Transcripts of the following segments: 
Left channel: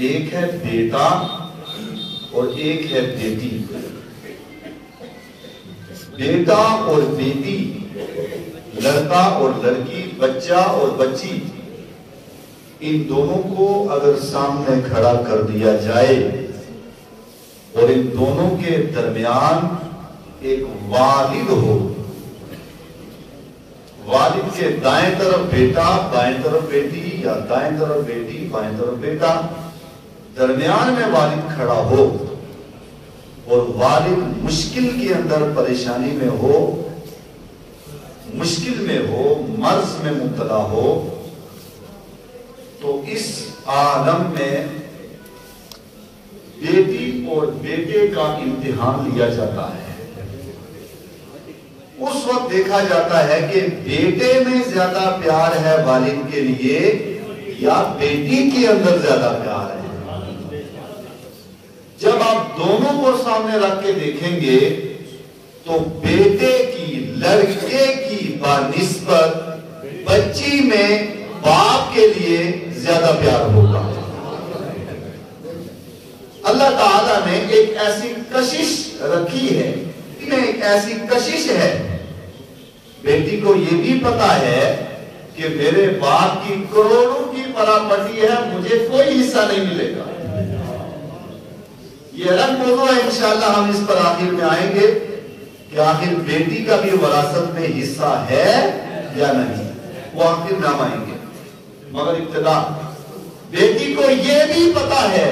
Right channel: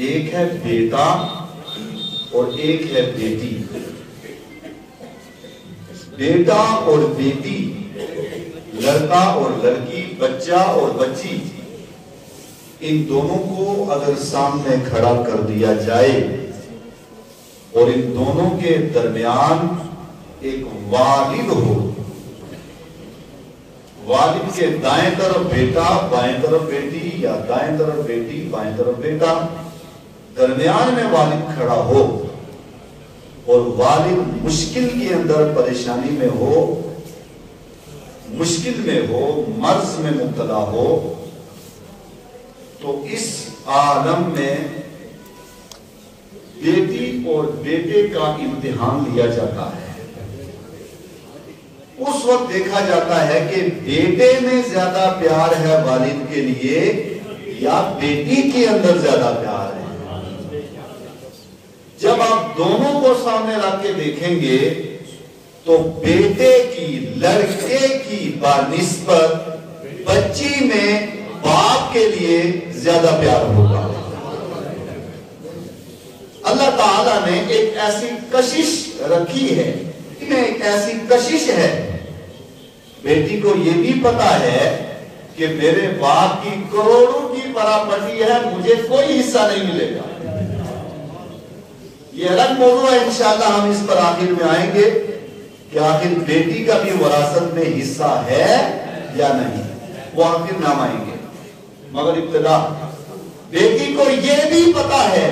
ایک ہے بیٹا اور ایک ہے بیٹی. بیٹا اور بیٹی، لڑکا اور لڑکی، بچہ اور بچی، ان دونوں کو اگر سامنے کھڑا کر دیا جائے اور ان دونوں کے درمیان ایک والد ہو، والد کے دائیں طرف بیٹا بائیں طرف بیٹی، یا دائیں طرف بیٹی بائیں طرف بیٹا، درمیان میں والد کھڑا ہو اور والد مشکل کے اندر پریشانی میں ہو، مشکل میں ہو، مرض میں مبتلا ہو، تو اس عالم میں بیٹی اور بیٹے کا امتحان لیا جاتا ہے. اس وقت دیکھا جاتا ہے کہ بیٹے میں زیادہ پیار ہے والد کے لیے یا بیٹی کے اندر زیادہ پیار ہے. جب آپ دونوں کو سامنے رکھ کے دیکھیں گے تو بیٹے کی، لڑکے کی بنسبت بچی میں باپ کے لیے زیادہ پیار ہوگا. اللہ تعالیٰ نے ایک ایسی کشش رکھی ہے، ایک ایسی کشش ہے. بیٹی کو یہ بھی پتا ہے کہ میرے باپ کی کروڑوں کی پراپرٹی ہے، مجھے کوئی حصہ نہیں ملے گا. یہ الگ موضوع ہے، انشاءاللہ ہم اس پر آخر میں آئیں گے کہ آخر بیٹی کا بھی وراثت میں حصہ ہے یا نہیں، وہ آخر نام آئیں گے. مگر ابتدا بیٹی کو یہ بھی پتا ہے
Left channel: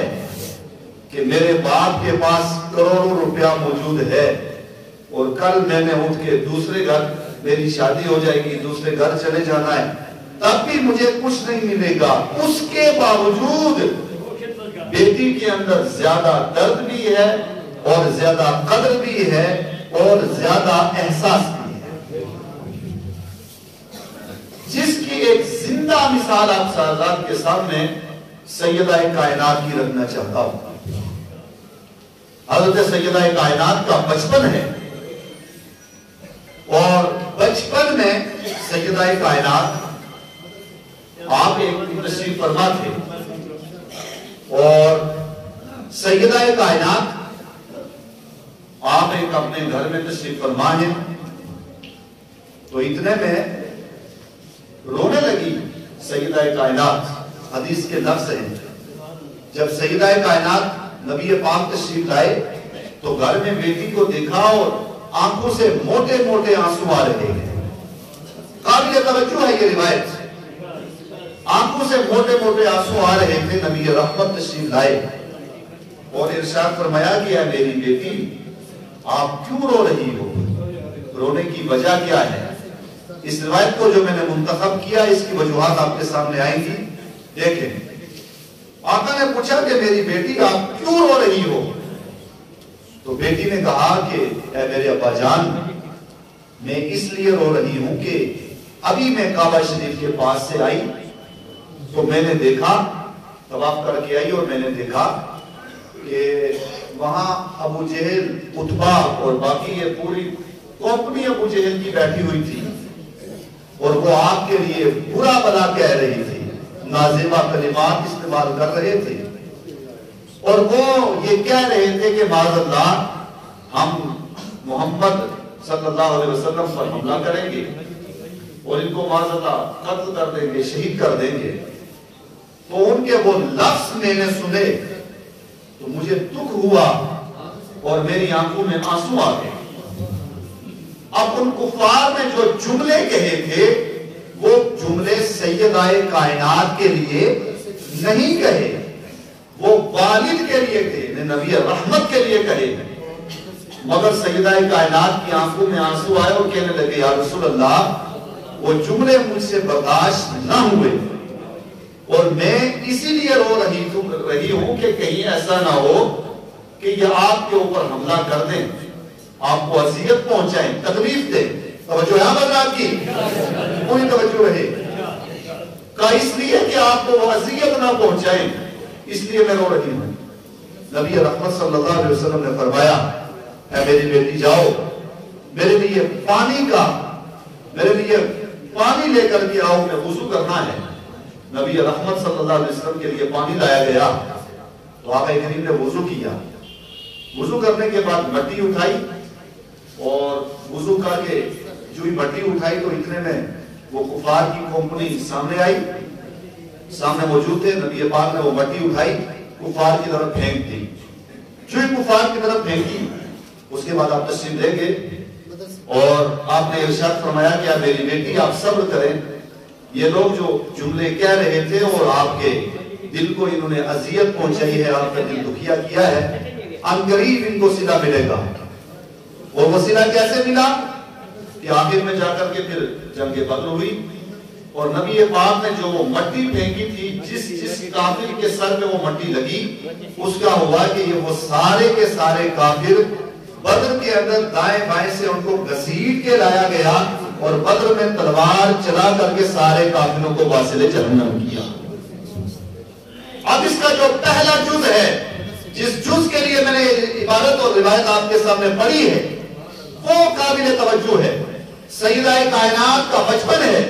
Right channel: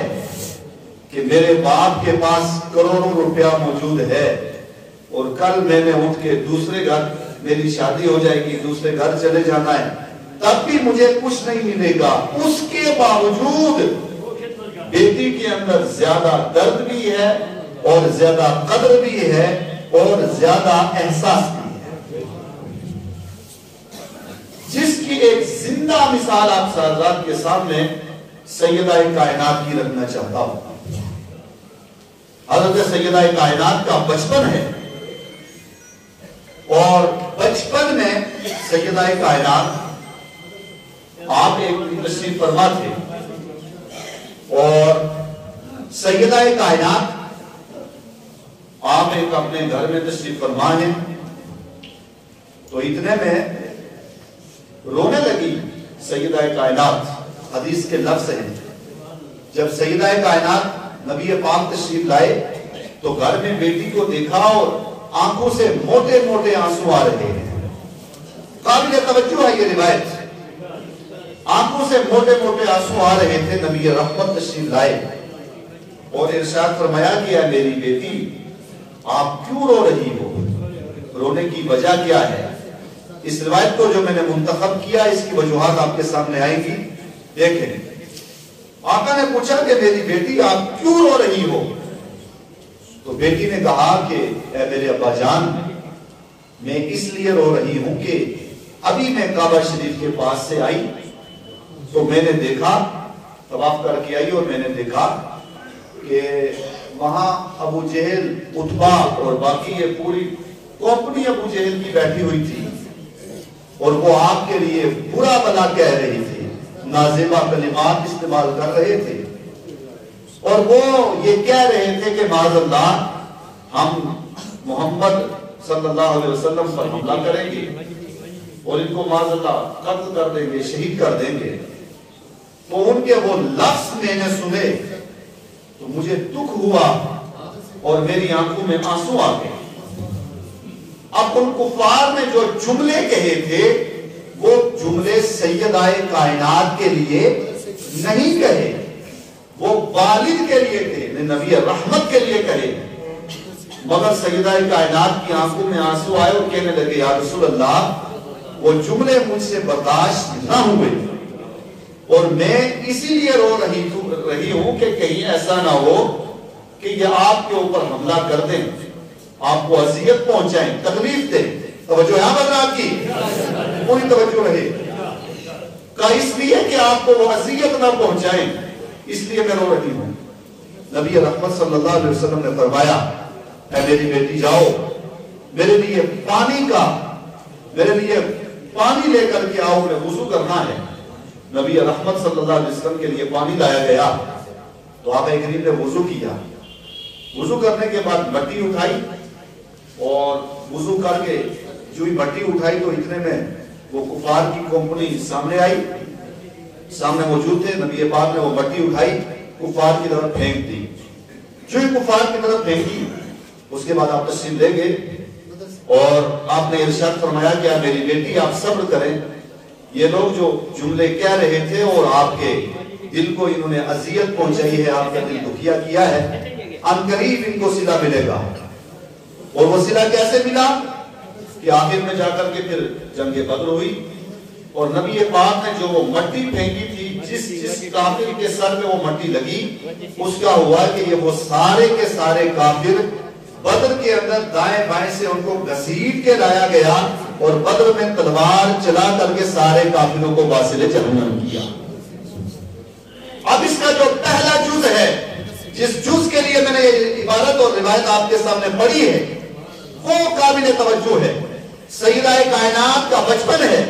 کہ میرے باپ کے پاس کروڑوں روپیہ موجود ہے اور کل میں نے اٹھ کے دوسرے گھر، میری شادی ہو جائے گی، دوسرے گھر چلے جانا ہے، تب بھی مجھے کچھ نہیں ملے گا. اس کے باوجود بیٹی کے اندر زیادہ درد بھی ہے اور زیادہ قدر بھی ہے اور زیادہ احساس بھی ہے. جس کی ایک زندہ مثال آپ حضرات کے سامنے سیدہ کائنات کی رکھنا چاہتا ہوں. حضرت سیدہ کائنات کا بچپن ہے اور بچپن میں سیدہ کائنات آپ ایک تشریف فرما تھے اور سیدہ کائنات آپ ایک اپنے گھر میں تشریف فرما ہے تو اتنے میں رونے لگی سیدہ کائنات. حدیث کے لفظ ہیں، جب سیدہ کائنات نبی پاک تشریف لائے تو گھر میں بیٹی کو دیکھا اور آنکھوں سے موٹے موٹے آنسو آ رہے ہیں. قابل توجہ ہے یہ روایت. آنکھوں سے موٹے موٹے آنسو آ رہے تھے. نبی رحمت تشریف لائے اور ارشاد فرمایا کہ اے میری بیٹی، آپ کیوں رو رہی ہو؟ رونے کی وجہ کیا ہے؟ اس روایت کو جو میں نے منتخب کیا اس کی وجوہات آپ کے سامنے آئیں گی. دیکھیں، آقا نے پوچھا کہ میری بیٹی آپ کیوں رو رہی ہو؟ تو بیٹی نے کہا کہ اے میرے ابا جان، میں اس لیے رو رہی ہوں کہ ابھی میں کعبہ شریف کے پاس سے آئی تو میں نے دیکھا، طواف کر کے آئی اور میں نے دیکھا کہ وہاں ابو جہل، عتبہ اور باقی یہ پوری کمپنی ابو جہل کی بیٹھی ہوئی تھی اور وہ آپ کے لیے برا بھلا کہہ رہی تھی، نازیبہ کلمات استعمال کر رہے تھے اور وہ یہ کہہ رہے تھے کہ معاذ اللہ ہم محمد صلی اللہ علیہ وسلم پر حملہ کریں گے اور ان کو معاذ اللہ قتل کر دیں گے، شہید کر دیں گے. تو ان کے وہ لفظ میں نے سنے تو مجھے دکھ ہوا اور میری آنکھوں میں آنسو آ گئے. اب ان کفار نے جو جملے کہے تھے وہ جملے سیدہ کائنات کے لیے نہیں کہے، وہ والد کے لیے تھے، نبی رحمت کے لیے کہے. مگر سیدہ کائنات کی آنکھوں میں آنسو آئے اور کہنے لگے یا رسول اللہ، وہ جملے مجھ سے برداشت نہ ہوئے اور میں اسی لیے رو رہی ہوں کہ کہیں ایسا نہ ہو کہ یہ آپ کے اوپر حملہ کر دیں، آپ کو اذیت پہنچائیں، تکلیف دیں. توجہ یہاں بات کی پوری توجہ رہے کا اس لیے کہ آپ کو وہ اذیت نہ پہنچائیں، اس لیے میں رو رہی ہوں. نبی رحمت صلی اللہ علیہ وسلم نے فرمایا اے میری بیٹی جاؤ، میرے لیے پانی لے کر کے آؤ، میں وضو کرنا ہے. نبی رحمت صلی اللہ علیہ وسلم کے لیے پانی لایا گیا تو آقا کریم نے وضو کیا، وضو کرنے کے بعد مٹی اٹھائی اور وضو کر کے جو ہی مٹی اٹھائی تو اتنے میں وہ کفار کی کمپنی سامنے آئی، سامنے موجود تھے، نبی پاک نے وہ مٹی اٹھائی کفار کی طرف پھینک دی، جو ہی کفار کی طرف پھینکی اس کے بعد آپ تشریف لے گئے اور آپ نے ارشاد فرمایا کہ میری بیٹی آپ صبر کریں، یہ لوگ جو جملے کہہ رہے تھے اور آپ کے دل کو انہوں نے اذیت پہنچائی ہے، آپ کا دل دکھیا کیا ہے، ان قریب ان کو صلہ ملے گا۔ اور وہ صلہ کیسے ملا کہ آخر میں جا کر کے پھر جنگ بدر ہوئی اور نبی پاک نے جو مٹی پھینکی تھی، جس کافر کے سر میں وہ مٹی لگی، اس کا ہوا کہ یہ وہ سارے کے سارے کافر بدر کے اندر دائیں بائیں سے ان کو گھسیٹ کے لایا گیا اور بدر میں تلوار چلا کر کے سارے کافروں کو واصل جہنم کیا۔ اب اس کا جو پہلا جز ہے، جس جز کے لیے میں نے عبارت اور روایت آپ کے سامنے پڑھی ہے، وہ قابل توجہ ہے۔ سیدہ کائنات کا بچپن ہے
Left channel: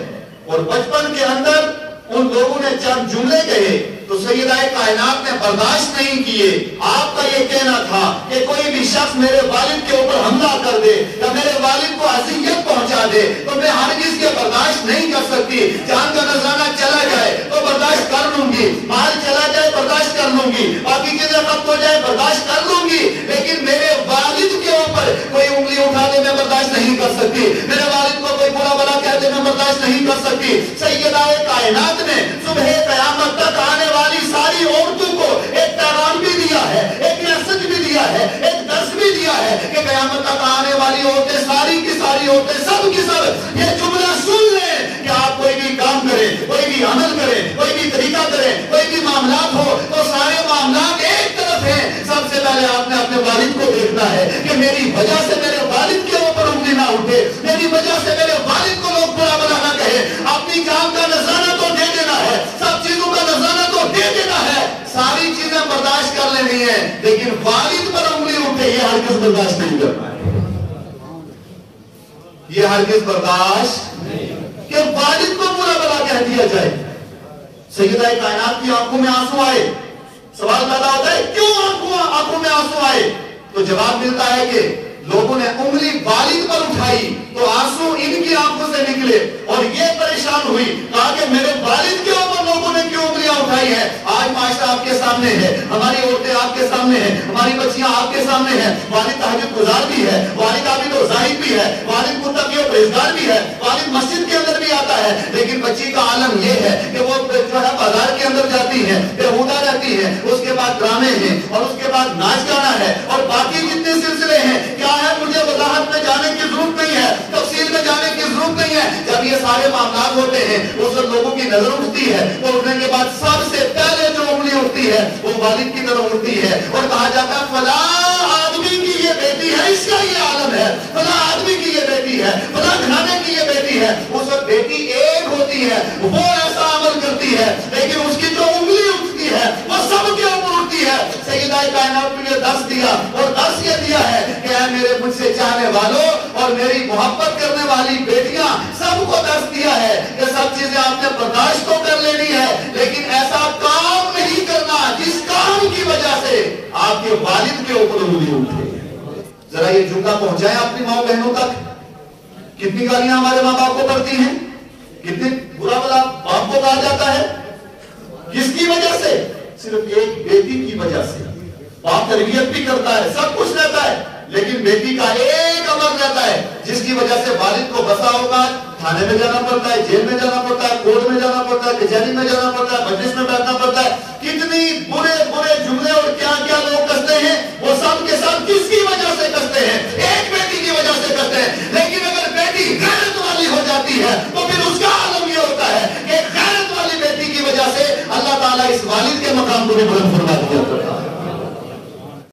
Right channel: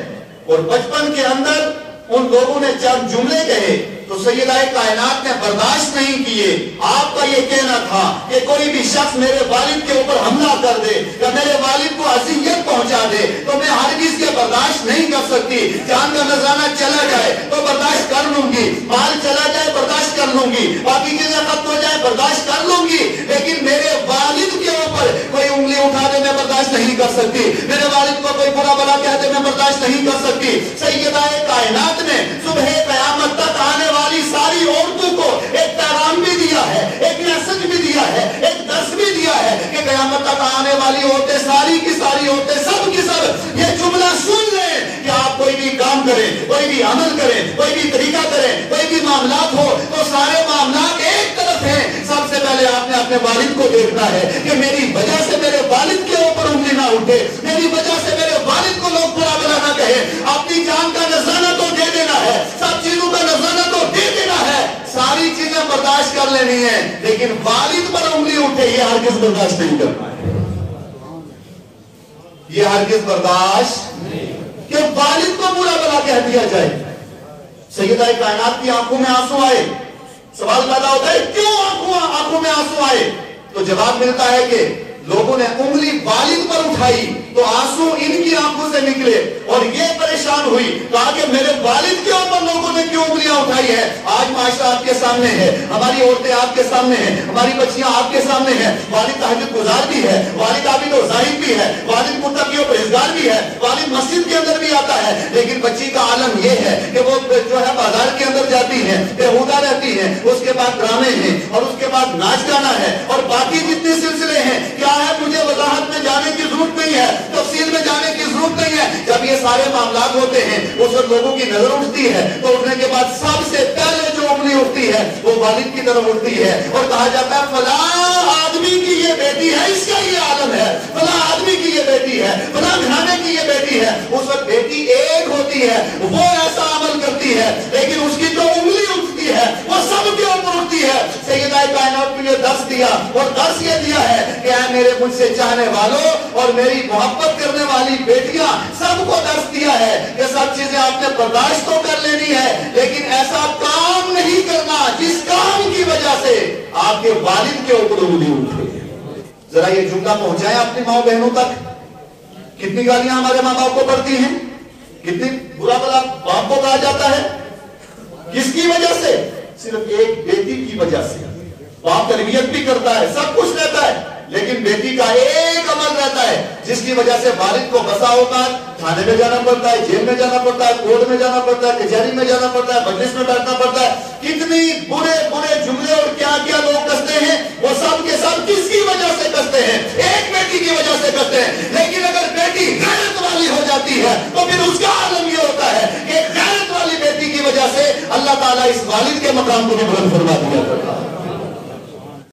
اور بچپن کے اندر ان لوگوں نے چند جملے کہے تو سیدہ کائنات نے برداشت نہیں کیے۔ آپ کا یہ کہنا تھا کہ کوئی بھی شخص میرے والد کے اوپر حملہ کر دے یا میرے والد کو اذیت پہنچا دے تو میں ہرگز کے برداشت نہیں کر سکتی، جان کا نذرانہ چلا جائے تو برداشت کر لوں گی، مال چلا جائے برداشت کر لوں گی، باقی چیزیں ختم ہو جائے برداشت کر لوں گی، لیکن میرے والد کے اوپر کوئی انگلی اٹھا دے میں برداشت نہیں کر سکتی، میرے والد کو کوئی برا بلا کہہ دے میں برداشت نہیں کر سکتی۔ سیدہ کائنات نے صبح قیامت تک آنے والی ساری عورتوں کو ایک پیغام بھی دیا ہے، ایک میسج بھی دیا ہے، ایک درس بھی دیا ہے کہ قیامت تک آنے والی عورتیں ساری کی ساری عورتیں سب کی سب یہ جملہ سن لیں کہ آپ کوئی بھی کام کریں، کوئی بھی عمل کریں، کوئی بھی طریقہ کریں، کوئی بھی معاملات ہو تو سارے معاملات ایک طرف ہیں، سب سے پہلے آپ نے اپنے والد کو دیکھنا ہے کہ میری وجہ سے میرے والد کے اوپر انگلی نہ اٹھے، میری وجہ سے میرے والد کو لوگ برا بلا نہ کہے، اپنی جان کا نذرانہ تو دے دینا ہے، سب چیزوں کا نذرانہ تو دے دینا ہے، ساری چیزیں برداشت کر لینی ہے، لیکن والد پر انگلی اٹھے یہ ہرگز برداشت نہیں کرنا ہے، یہ ہرگز برداشت کہ والد کو برا بلا کہہ دیا جائے۔ سیدہ کائنات کی آنکھوں میں آنسو آئے، سوال پیدا ہوتا ہے کیوں آنکھوں میں آنسو آئے؟ تو جواب ملتا ہے کہ لوگوں نے انگلی والد پر اٹھائی تو آنسو ان کی آنکھوں سے نکلے اور یہ پریشان ہوئی، کہا کہ میرے والد کے اوپر لوگوں نے کیوں انگلیاں اٹھائی ہے؟ آج معاشرہ آپ کے سامنے ہے، ہماری عورتیں آپ کے سامنے ہیں، ہماری بچیاں آپ کے سامنے ہیں، والد تہجد گزار بھی ہے، والد عابد و زاہد بھی ہے، والد متقی و پرہیزگار بھی ہے، والد مسجد کے اندر بھی آتا ہے، لیکن بچی کا عالم یہ ہے کہ وہ جو ہے بازار کے اندر جاتی ہے، بےہودہ رہتی ہے، اس کے بعد ڈرامے ہیں اور اس کے بعد ناچ گانا ہے اور باقی جتنے سلسلے ہیں، کیا ہے مجھے وضاحت میں جانے کی ضرورت نہیں ہے، تفصیل میں جانے کی ضرورت نہیں ہے، جب یہ سارے معاملات ہوتے ہیں اس وقت لوگوں کی نظر اٹھتی ہے تو اٹھنے کے بعد سب سے پہلے جو انگلی اٹھتی ہے وہ والد کی طرف اٹھتی ہے اور کہا جاتا ہے فلاں آدمی کی یہ بیٹی ہے، اس کا یہ عالم ہے، فلاں آدمی کی یہ بیٹی ہے، فلاں گھرانے کی یہ بیٹی ہے۔ اس وقت بیٹی ایک ہوتی ہے، وہ ایسا عمل کرتی ہے لیکن اس کی جو انگلی اٹھتی ہے وہ سب کے اوپر اٹھتی ہے۔ سیدہ کائنات نے درس دیا اور درس یہ دیا ہے کہ اے میرے مجھ سے چاہنے والوں اور میری محبت کرنے والی بیٹیاں، سب کو درس دیا ہے کہ سب چیزیں آپ نے برداشت تو کر لینی ہے لیکن ایسا کام نہیں کرنا جس کام کی وجہ سے آپ کے والد کے اوپر انگلی اٹھے۔ ذرا یہ جملہ پہنچائیں اپنی ماں بہنوں تک۔ کتنی گالیاں ہمارے ماں باپ کو پڑتی ہیں، کتنی برا بلا باپ کو کہا جاتا ہے، کس کی وجہ سے؟ صرف ایک بیٹی کی وجہ سے۔ باپ تربیت بھی کرتا ہے، سب کچھ رہتا ہے، لیکن بیٹی کا ایک عمل رہتا ہے جس کی وجہ سے والد کو بسا ہوگا تھانے میں جانا پڑتا ہے، جیل میں جانا پڑتا ہے، کورٹ میں جانا پڑتا ہے، کچہری میں جانا پڑتا ہے، مجلس میں بیٹھنا پڑتا ہے۔ کتنی برے برے جملے اور کیا کیا لوگ کستے ہیں، وہ سب کے سب کس کی وجہ سے کستے ہیں؟ ایک بیٹی کی وجہ سے کستے ہیں۔ لیکن اگر بیٹی غیرت والی ہو جاتی ہے تو پھر اس کا عالم یہ ہوتا ہے کہ غیرت والی بیٹی کی وجہ سے اللہ تعالیٰ اس والد کے مقام کو بھی بلند فرما دیا۔